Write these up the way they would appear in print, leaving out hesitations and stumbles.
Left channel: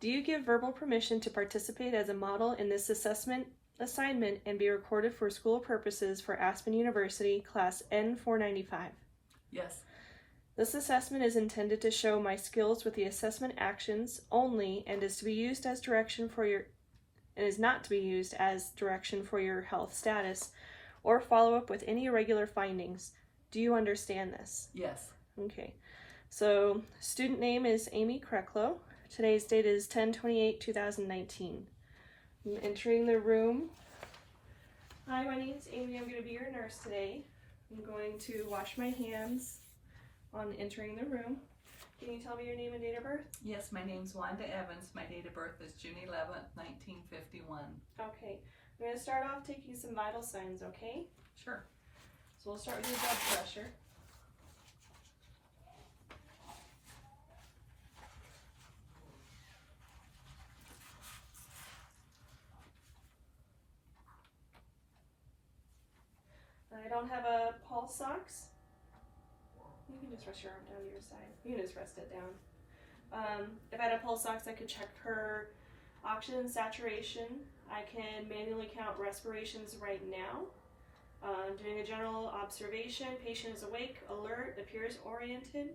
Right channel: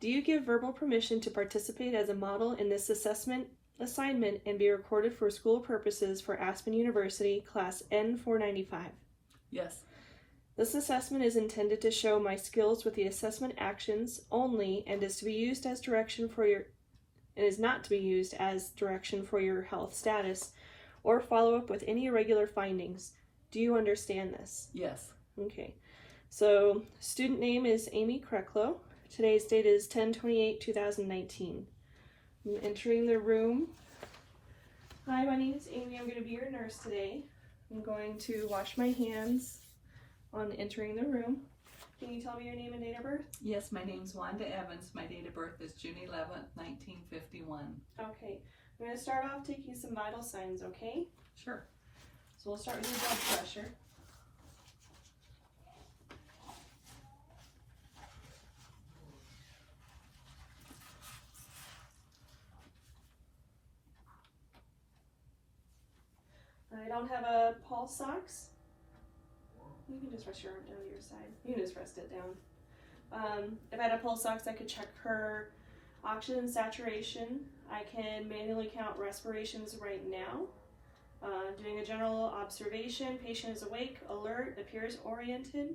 Do you give verbal permission to participate as a model in this assignment and be recorded for school purposes for Aspen University, Class N495? Yes. This assessment is intended to show my skills with the assessment actions only and is not to be used as direction for your health status or follow up with any irregular findings. Do you understand this? Yes. Okay. So, student name is Amy Kreklow. Today's date is 10/28/2019. I'm entering the room. Hi, my name is Amy. I'm going to be your nurse today. I'm going to wash my hands on entering the room. Can you tell me your name and date of birth? Yes, my name's Wanda Evans. My date of birth is June 11th, 1951. Okay. I'm going to start off taking some vital signs, okay? Sure. So we'll start with your blood pressure. I don't have a pulse ox. You can just rest your arm down to your side. You can just rest it down. If I had a pulse ox, I could check her oxygen saturation. I can manually count respirations right now. Doing a general observation, patient is awake, alert, appears oriented,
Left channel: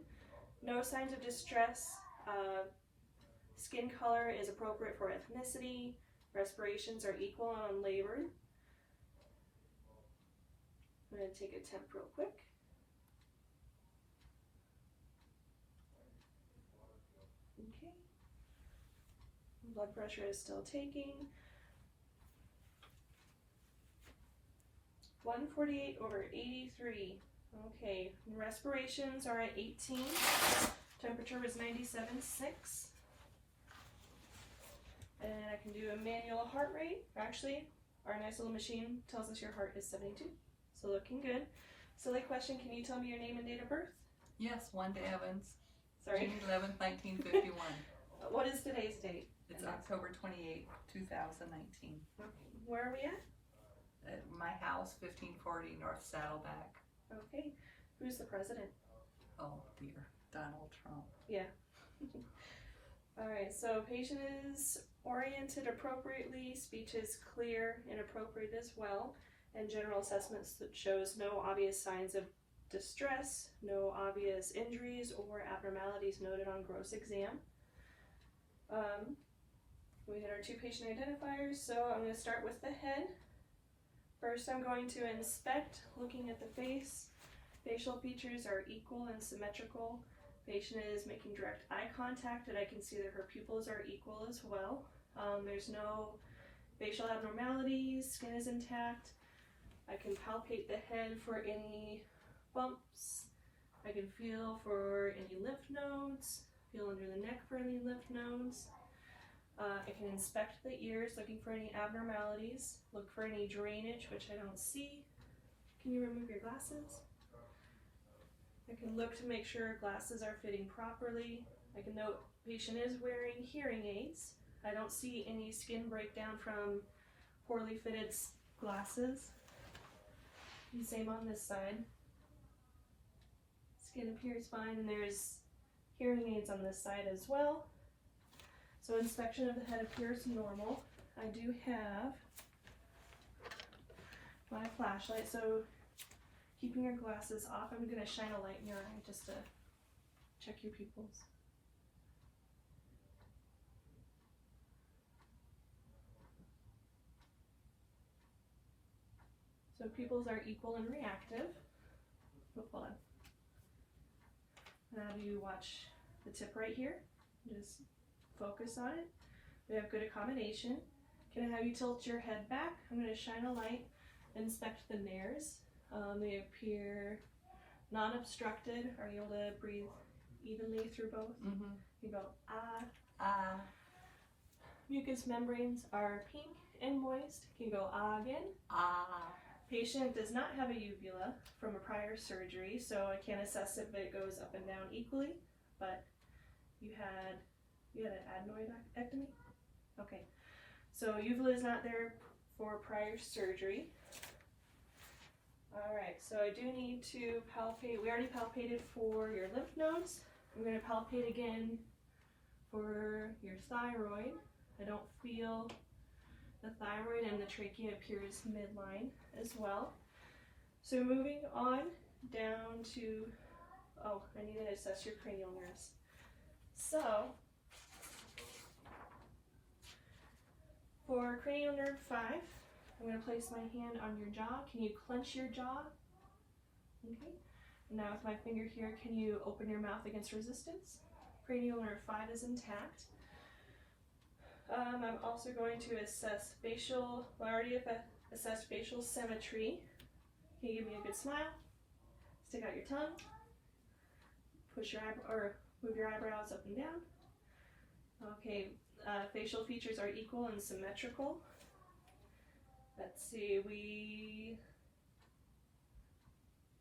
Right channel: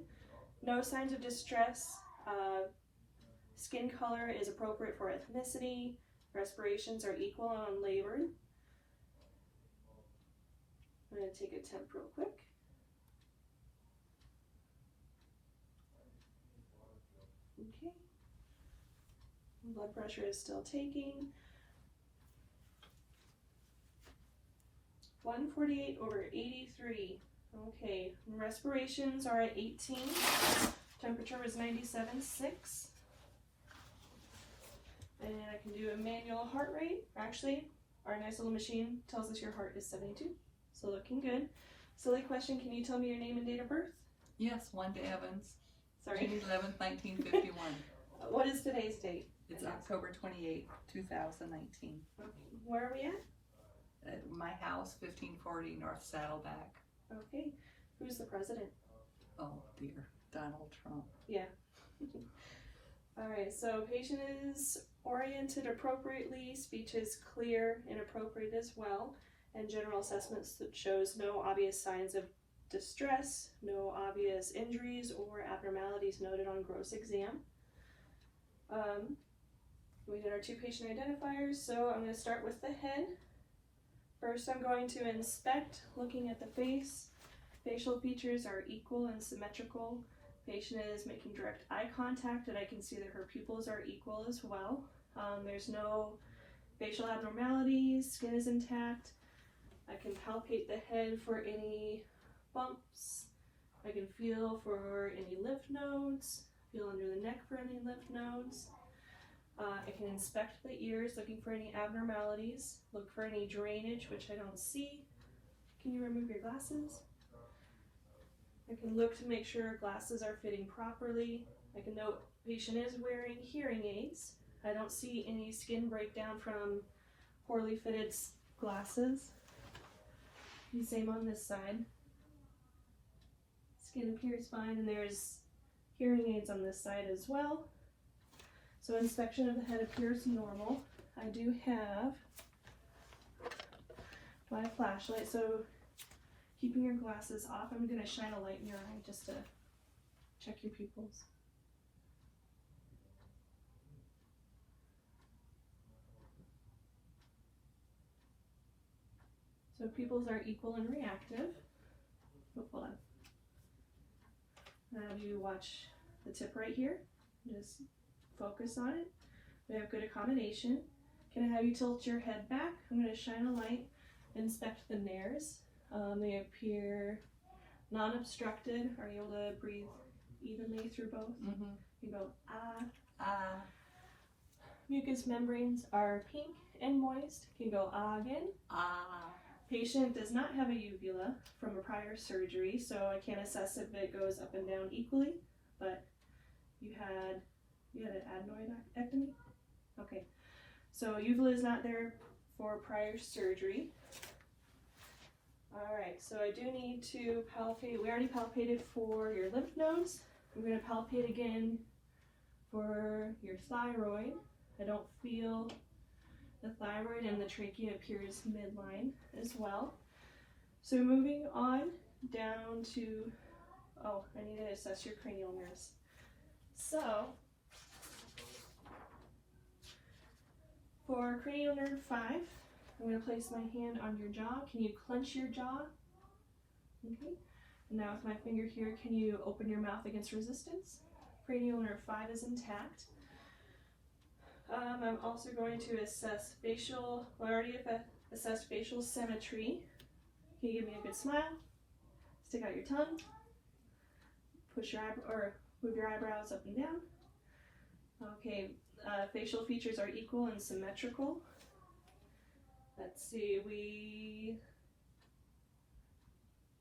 no signs of distress, skin color is appropriate for ethnicity, respirations are equal and unlabored. I'm going to take a temp real quick. Okay. Blood pressure is still taking. 148/83. Okay, respirations are at 18. Temperature was 97.6. And I can do a manual heart rate. Actually, our nice little machine tells us your heart is 72. So looking good. Silly question, can you tell me your name and date of birth? Yes, Wanda Evans. Sorry. June 11th, 1951. What is today's date? It's October 28th, 2019. Okay. Where are we at? At my house, 1540 North Saddleback. Okay. Who's the president? Oh dear, Donald Trump. Yeah. All right, so patient is oriented appropriately, speech is clear and appropriate as well, and general assessments that shows no obvious signs of distress, no obvious injuries or abnormalities noted on gross exam. We did our two patient identifiers, so I'm going to start with the head. First, I'm going to inspect, looking at the face. Facial features are equal and symmetrical. Patient is making direct eye contact, and I can see that her pupils are equal as well. There's no facial abnormalities, skin is intact. I can palpate the head for any bumps. I can feel for any lymph nodes, feel under the neck for any lymph nodes. I can inspect the ears, looking for any abnormalities, look for any drainage, which I don't see. Can you remove your glasses? I can look to make sure glasses are fitting properly. I can note patient is wearing hearing aids. I don't see any skin breakdown from poorly fitted glasses. And same on this side. Skin appears fine, and there's hearing aids on this side as well. So inspection of the head appears normal. I do have my flashlight, so keeping your glasses off, I'm going to shine a light in your eye just to check your pupils. So pupils are equal and reactive. Oh, hold on. I'll have you watch the tip right here. Just focus on it. We have good accommodation. Can I have you tilt your head back? I'm going to shine a light, inspect the nares. They appear non-obstructed. Are you able to breathe evenly through both? Mm-hmm. You go ah. Ah. Mucous membranes are pink and moist. Can you go ah again? Ah. Patient does not have a uvula from a prior surgery, so I can't assess if it goes up and down equally, but you had an adenoidectomy? Okay, so uvula is not there for prior surgery. All right, so I do need to palpate. We already palpated for your lymph nodes. I'm going to palpate again For your thyroid, I don't feel the thyroid, and the trachea appears midline as well. So moving on down to, oh, I need to assess your cranial nerves. So for cranial nerve 5, I'm going to place my hand on your jaw. Can you clench your jaw? Okay. Now with my finger here, can you open your mouth against resistance? Cranial nerve 5 is intact. I'm also going to assess facial, well, I already assessed facial symmetry. Can you give me a good smile? Stick out your tongue. Push your or move your eyebrows up and down. Okay, facial features are equal and symmetrical. Let's see, we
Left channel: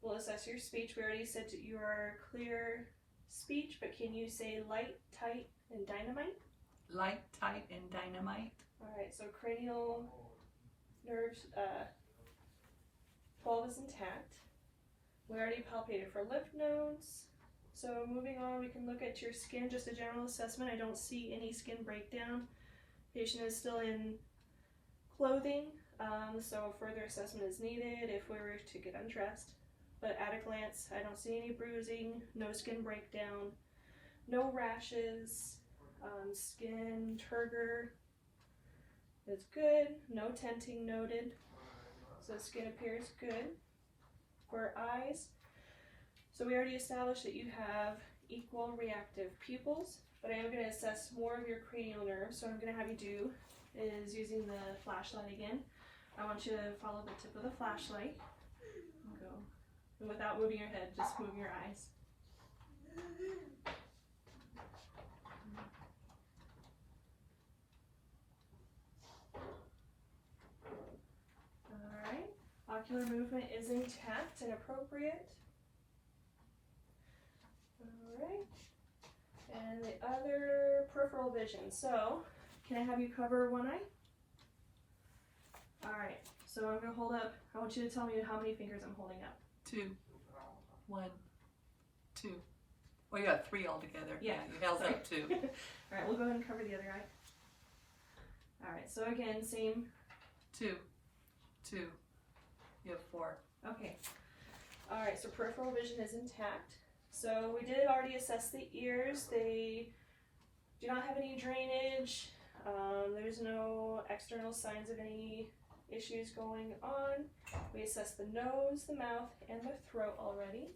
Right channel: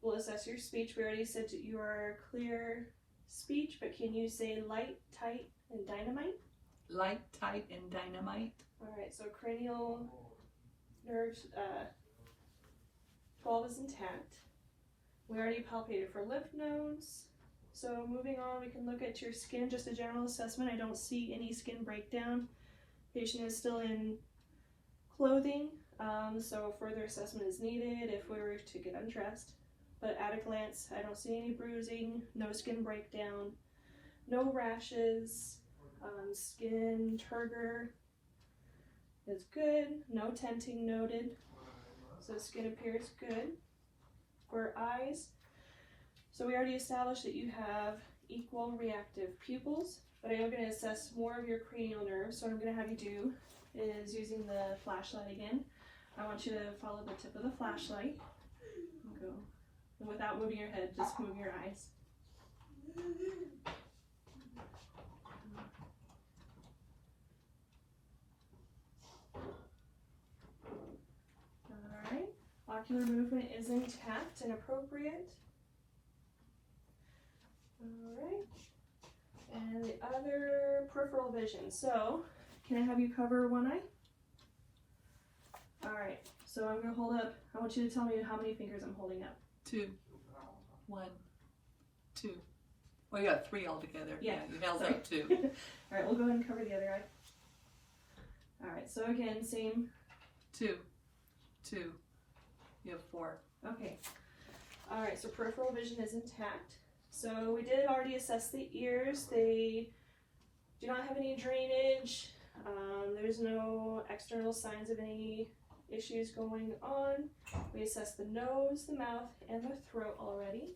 will assess your speech. We already said that you are clear speech, but can you say light, tight, and dynamite? Light, tight, and dynamite. Alright, so cranial nerves 12 is intact. We already palpated for lymph nodes. So moving on, we can look at your skin, just a general assessment. I don't see any skin breakdown. Patient is still in clothing, so further assessment is needed if we were to get undressed. But at a glance, I don't see any bruising, no skin breakdown, no rashes, skin turgor is good, no tenting noted, so skin appears good. For eyes, so we already established that you have equal reactive pupils, but I am going to assess more of your cranial nerves. So what I'm going to have you do is, using the flashlight again, I want you to follow the tip of the flashlight. Go. And without moving your head, just move your eyes. Alright, ocular movement is intact and appropriate. Alright, and the other peripheral vision. So, can I have you cover one eye? Alright, so I'm going to hold up, I want you to tell me how many fingers I'm holding up. 2, 1, 2. Well, you got 3 altogether. Yeah, you held sorry. up 2. Alright, we'll go ahead and cover the other eye. Alright, so again, same. 2, 2. You have 4. Okay. Alright, so peripheral vision is intact. So we did already assess the ears. They do not have any drainage. There's no external signs of any issues going on. We assessed the nose, the mouth, and the throat already.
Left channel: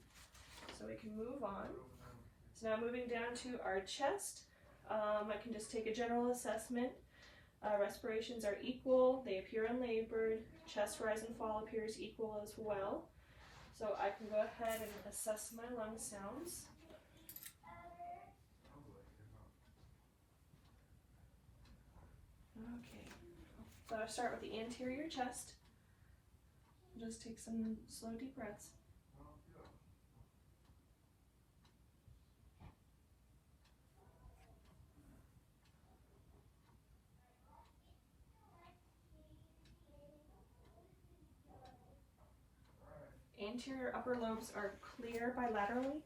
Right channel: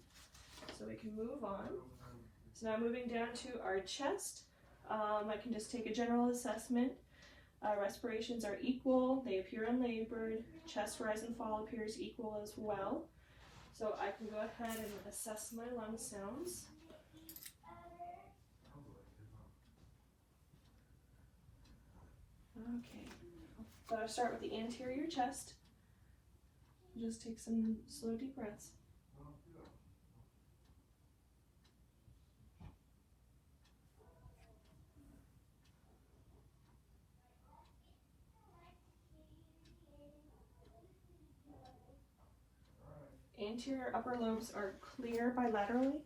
So we can move on. So now moving down to our chest. I can just take a general assessment. Respirations are equal. They appear unlabored. Chest rise and fall appears equal as well. So I can go ahead and assess my lung sounds. Okay, so I'll start with the anterior chest. Just take some slow deep breaths. Anterior upper lobes are clear bilaterally.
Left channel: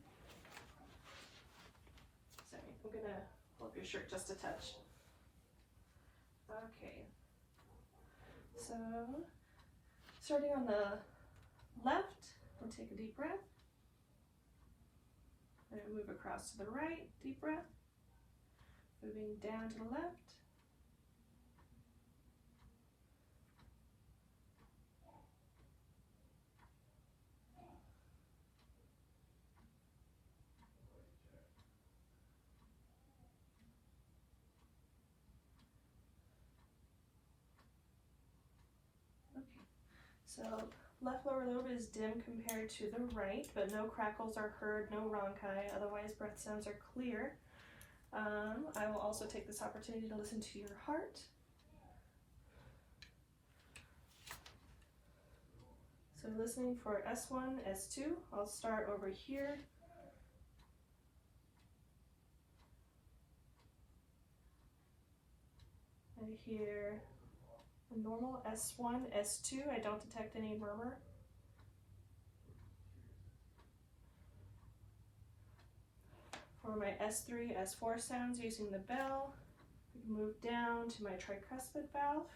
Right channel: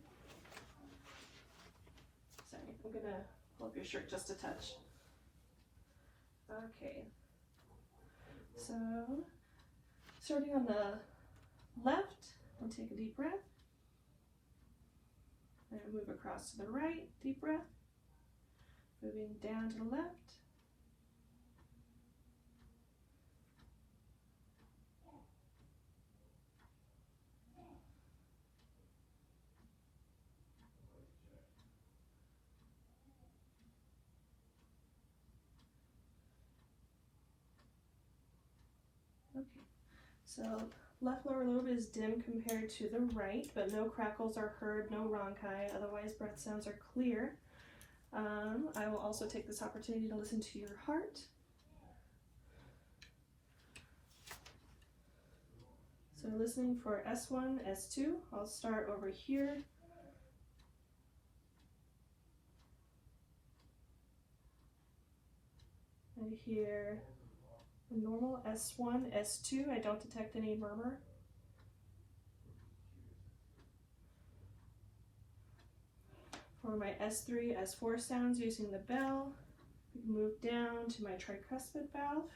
Sorry, I'm gonna pull up your shirt just a touch. Okay, so starting on the left, we'll take a deep breath. And move across to the right, deep breath. Moving down to the left. So left lower lobe is dim compared to the right, but no crackles are heard, no rhonchi, otherwise breath sounds are clear. I will also take this opportunity to listen to your heart. So listening for S1, S2, I'll start over here. I hear a normal S1, S2. I don't detect any murmur. For my S3, S4 sounds using the bell, we can move down to my tricuspid valve.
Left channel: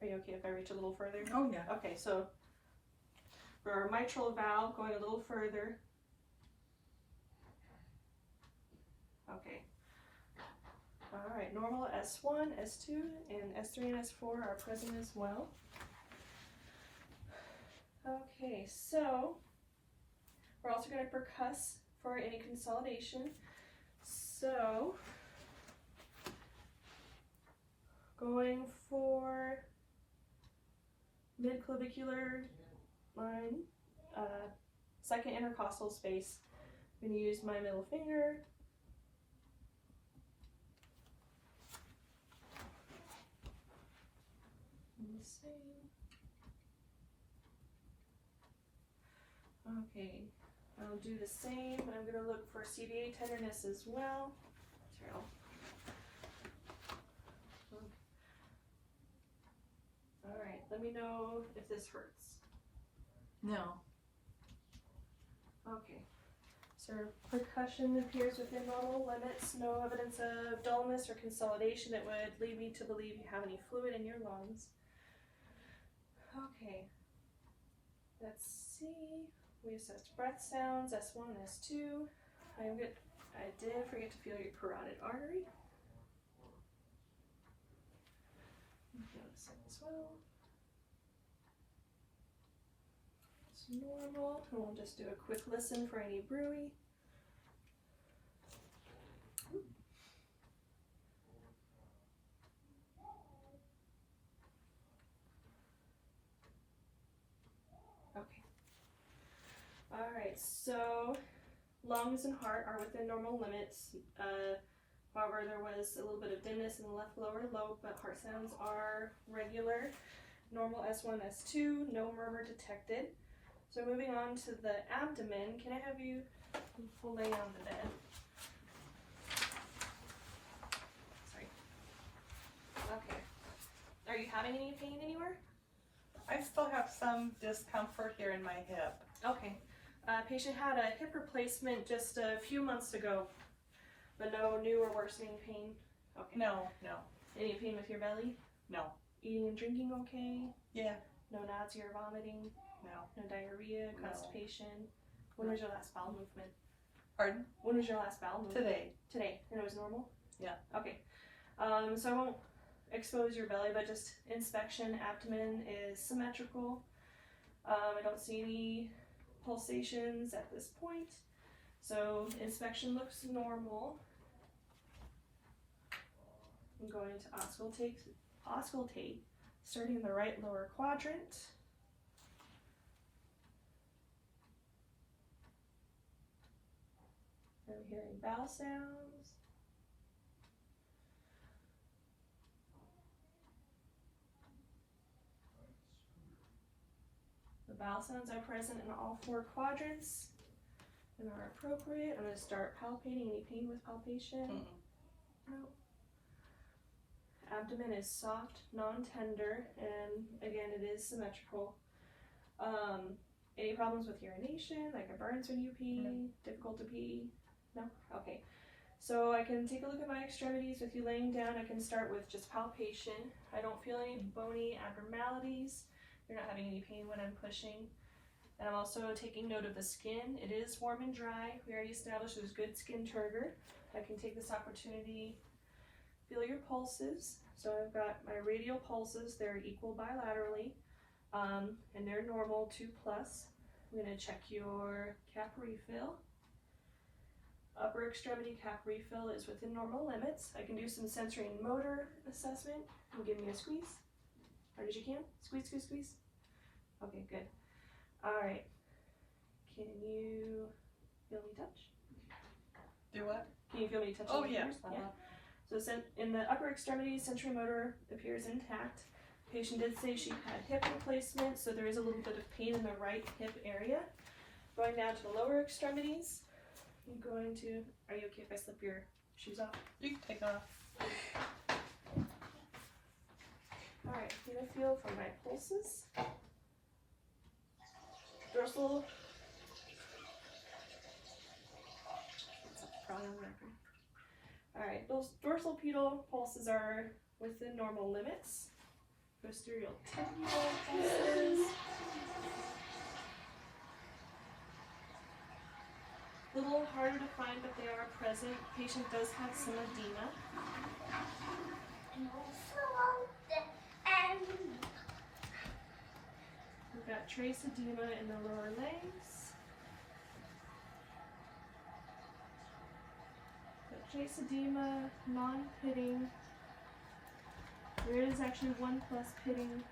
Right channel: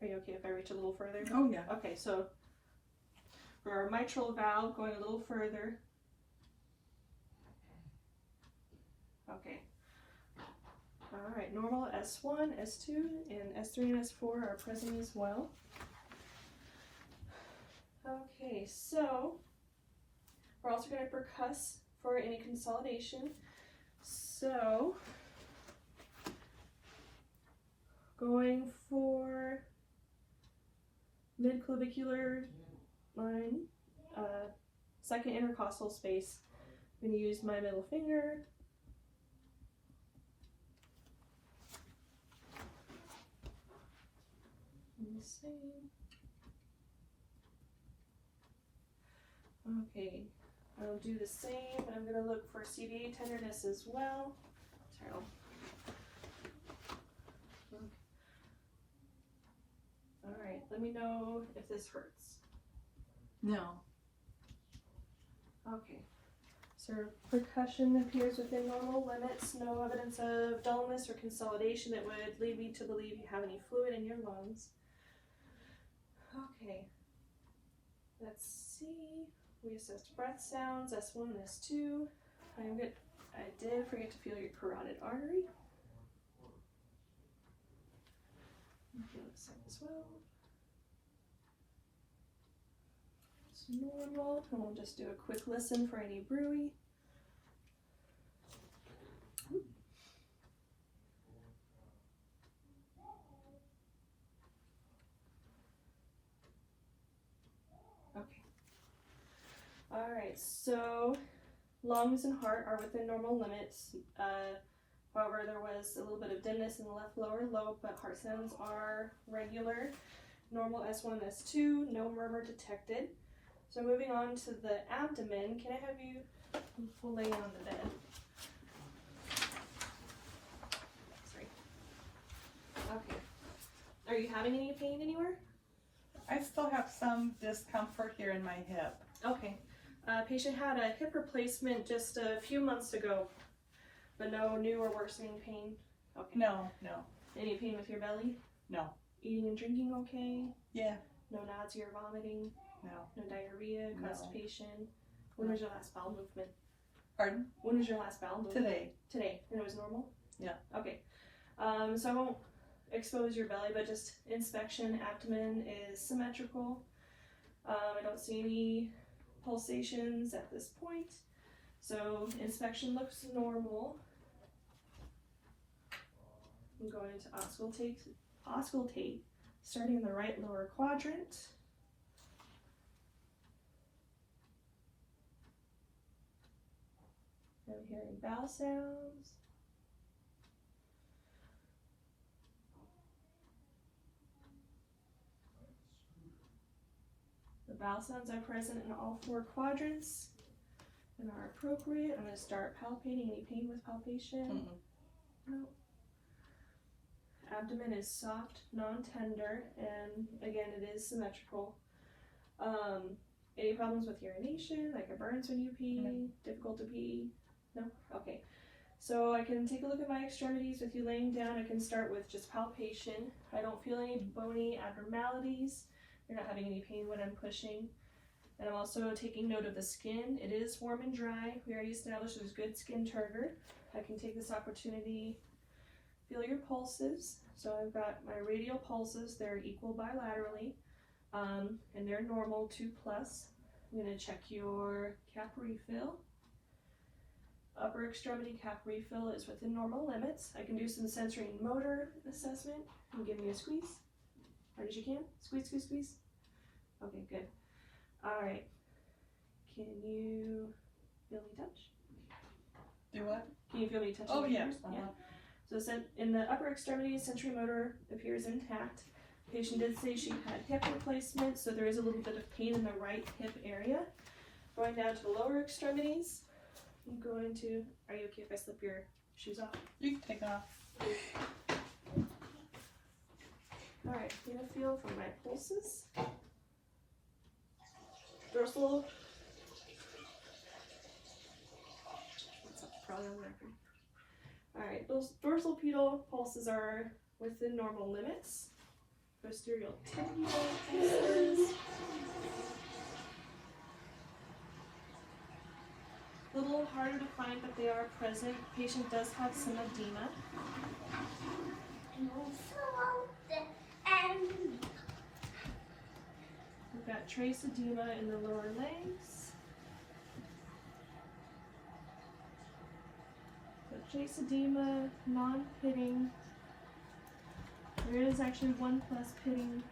Are you okay if I reach a little further? Oh, yeah. Okay, so for our mitral valve, going a little further. Okay. All right, normal S1, S2, and S3 and S4 are present as well. Okay, so we're also going to percuss for any consolidation. So, going for mid-clavicular line, second intercostal space, I'm going to use my middle finger. And the same. Okay, I'll do the same, but I'm going to look for CVA tenderness as well. Sorry, Alright, let me know if this hurts. No. Okay. So percussion appears within normal limits. No evidence of dullness or consolidation that would lead me to believe you have any fluid in your lungs. Okay. Let's see. We assessed breath sounds, S1 and S2. I did forget to feel your carotid artery. Feel this side as well. It's normal. And we'll just do a quick listen for any bruit. Okay. Alright, so lungs and heart are within normal limits. However, there was a little bit of dimness in the left lower lobe, but heart sounds are regular. Normal S1, S2, no murmur detected. So moving on to the abdomen, can I have you lay on the bed? Sorry. Okay. Are you having any pain anywhere? I still have some discomfort here in my hip. Okay. Patient had a hip replacement just a few months ago, but no new or worsening pain. Okay. No. Any pain with your belly? No. Eating and drinking okay? Yeah. No nausea or vomiting? No. No diarrhea, No. constipation? When was your last bowel movement? Pardon? When was your last bowel movement? Today. Today. And it was normal? Yeah. Okay. So I won't expose your belly, but just inspection. Abdomen is symmetrical. I don't see any pulsations at this point. So inspection looks normal. I'm going to auscultate, starting in the right lower quadrant. I'm hearing bowel sounds. The bowel sounds are present in all four quadrants and are appropriate. I'm going to start palpating. Any pain with palpation? No. Abdomen is soft, non-tender, and again, it is symmetrical. Any problems with urination, like it burns when you pee? No. Difficult to pee? No? Okay. So I can take a look at my extremities with you laying down. I can start with just palpation. I don't feel any bony abnormalities. You're not having any pain when I'm pushing. And I'm also taking note of the skin. It is warm and dry. We already established there's good skin turgor. I can take this opportunity, feel your pulses. So I've got my radial pulses. They're equal bilaterally, and they're normal 2+. I'm going to check your cap refill. Upper extremity cap refill is within normal limits. I can do some sensory and motor assessment. You give me a squeeze. Hard as you can. Squeeze, squeeze, squeeze. Okay, good. All right. Can you feel me touch? Do what? Can you feel me touching Oh, my yeah. fingers? Yeah. So in the upper extremity, sensory motor appears intact. Patient did say she had hip replacement, so there is a little bit of pain in the right hip area. Going down to the lower extremities, I'm going to, are you okay if I slip your shoes off? You can take off. Alright, get a feel for my pulses. Dorsal. Probably on the record. Alright, those dorsal pedal pulses are within normal limits. Posterior tibial pulses. A little harder to find, but they are present. Patient does have some edema. We've got trace edema in the lower legs. So trace edema, non-pitting. There is actually 1+ pitting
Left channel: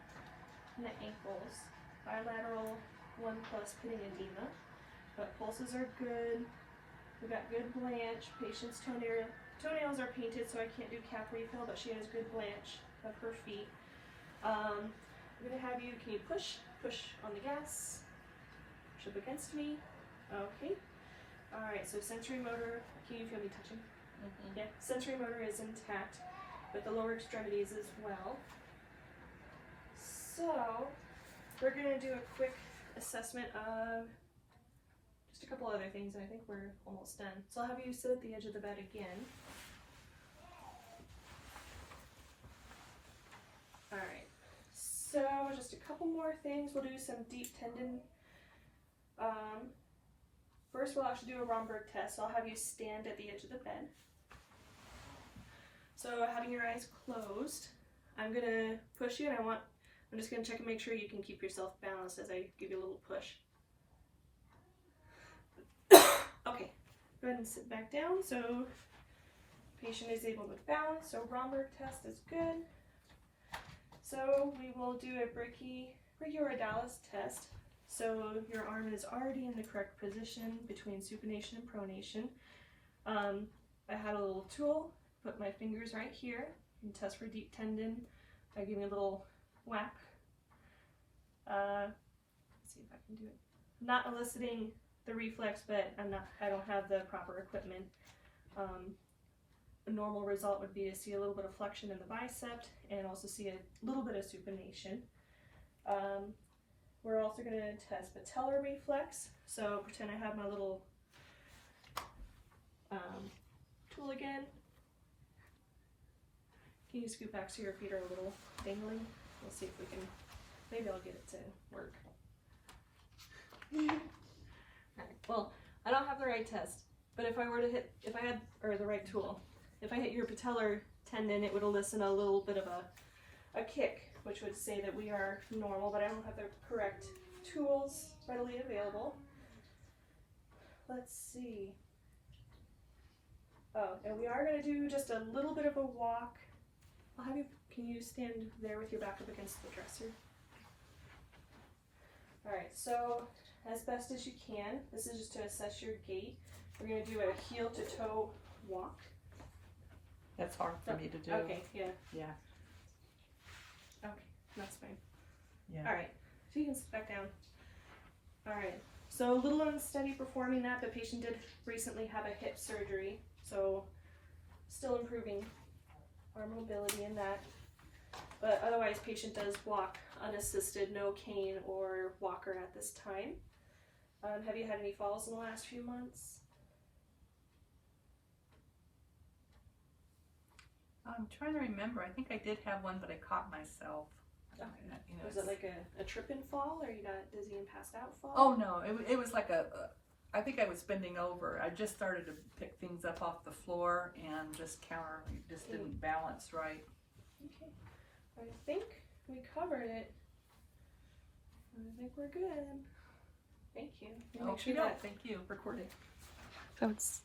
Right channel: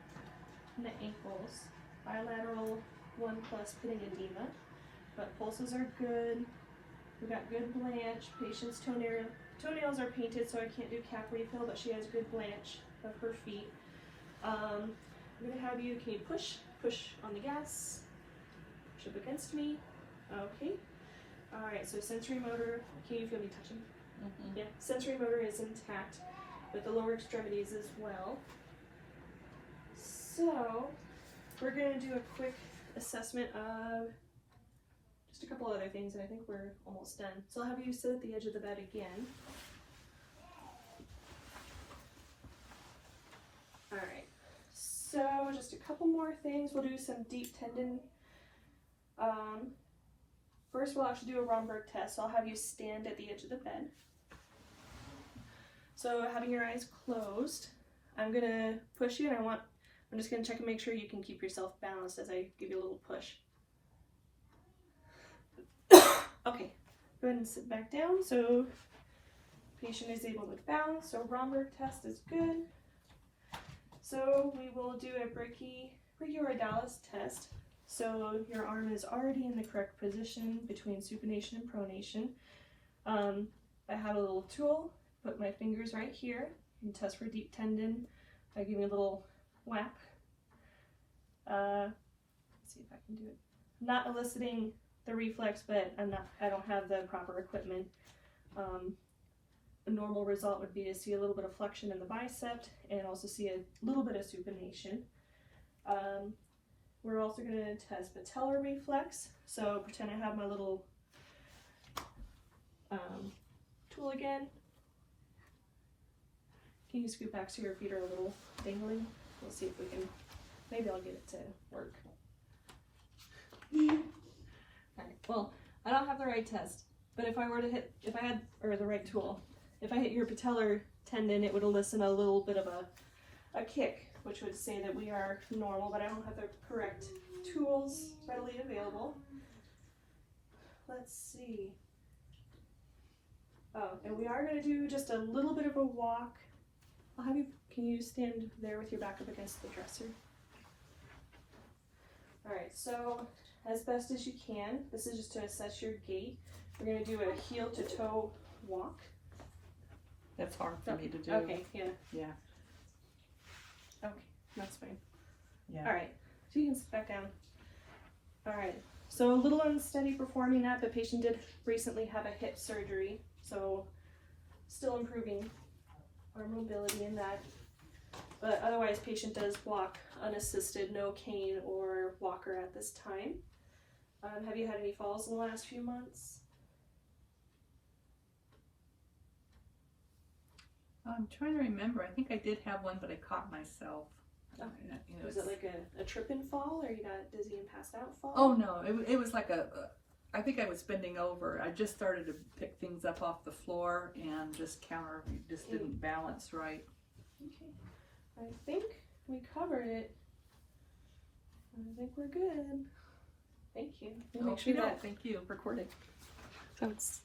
in the ankles. Bilateral 1+ pitting edema. But pulses are good. We've got good blanch. Patient's toenails are painted, so I can't do cap refill, but she has good blanch of her feet. I'm gonna have you, can you push on the gas? Push up against me. Okay. Alright, so sensory motor, can you feel me touching? Mm-hmm. Yeah, sensory motor is intact, but the lower extremities as well. So, we're gonna do a quick assessment of just a couple other things, and I think we're almost done. So I'll have you sit at the edge of the bed again. Alright, so just a couple more things. We'll do some deep tendon. First we'll actually do a Romberg test. So I'll have you stand at the edge of the bed. So having your eyes closed, I'm gonna push you, and I'm just gonna check and make sure you can keep yourself balanced as I give you a little push. Okay, go ahead and sit back down so patient is able to balance. So Romberg test is good. So we will do a brachioradialis test. So your arm is already in the correct position between supination and pronation. I had a little tool, put my fingers right here and test for deep tendon by giving a little whack. Let's see if I can do it. Not eliciting the reflex, but I don't have the proper equipment. A normal result would be to see a little bit of flexion in the bicep and also see a little bit of supination. We're also going to test patellar reflex. So pretend I have my little tool again. Can you scoot back so your feet are a little dangling? We'll see if we can, maybe I'll get it to work. Alright, well, I don't have the right test, but if I had the right tool, if I hit your patellar tendon, it would elicit a little bit of a kick, which would say that we are normal, but I don't have the correct tools readily available. Let's see. Oh, and we are going to do just a little bit of a walk. I'll have you, can you stand there with your back up against the dresser? Alright, so as best as you can, this is just to assess your gait. We're going to do a heel to toe walk. That's hard for me to do. Okay, yeah. Yeah. Okay, that's fine. Yeah. Alright, so you can sit back down. Alright, so a little unsteady performing that. The patient did recently have a hip surgery, so still improving our mobility in that. But otherwise, patient does walk unassisted, no cane or walker at this time. Have you had any falls in the last few months? I'm trying to remember. I think I did have one, but I caught myself. Okay. You know, Was it like a trip and fall, or you got dizzy and passed out fall? Oh no, it was like I think I was bending over. I just started to pick things up off the floor and just didn't balance right. Okay, I think we covered it. I think we're good. Thank you. We'll make sure that Thank you. Recorded. so it's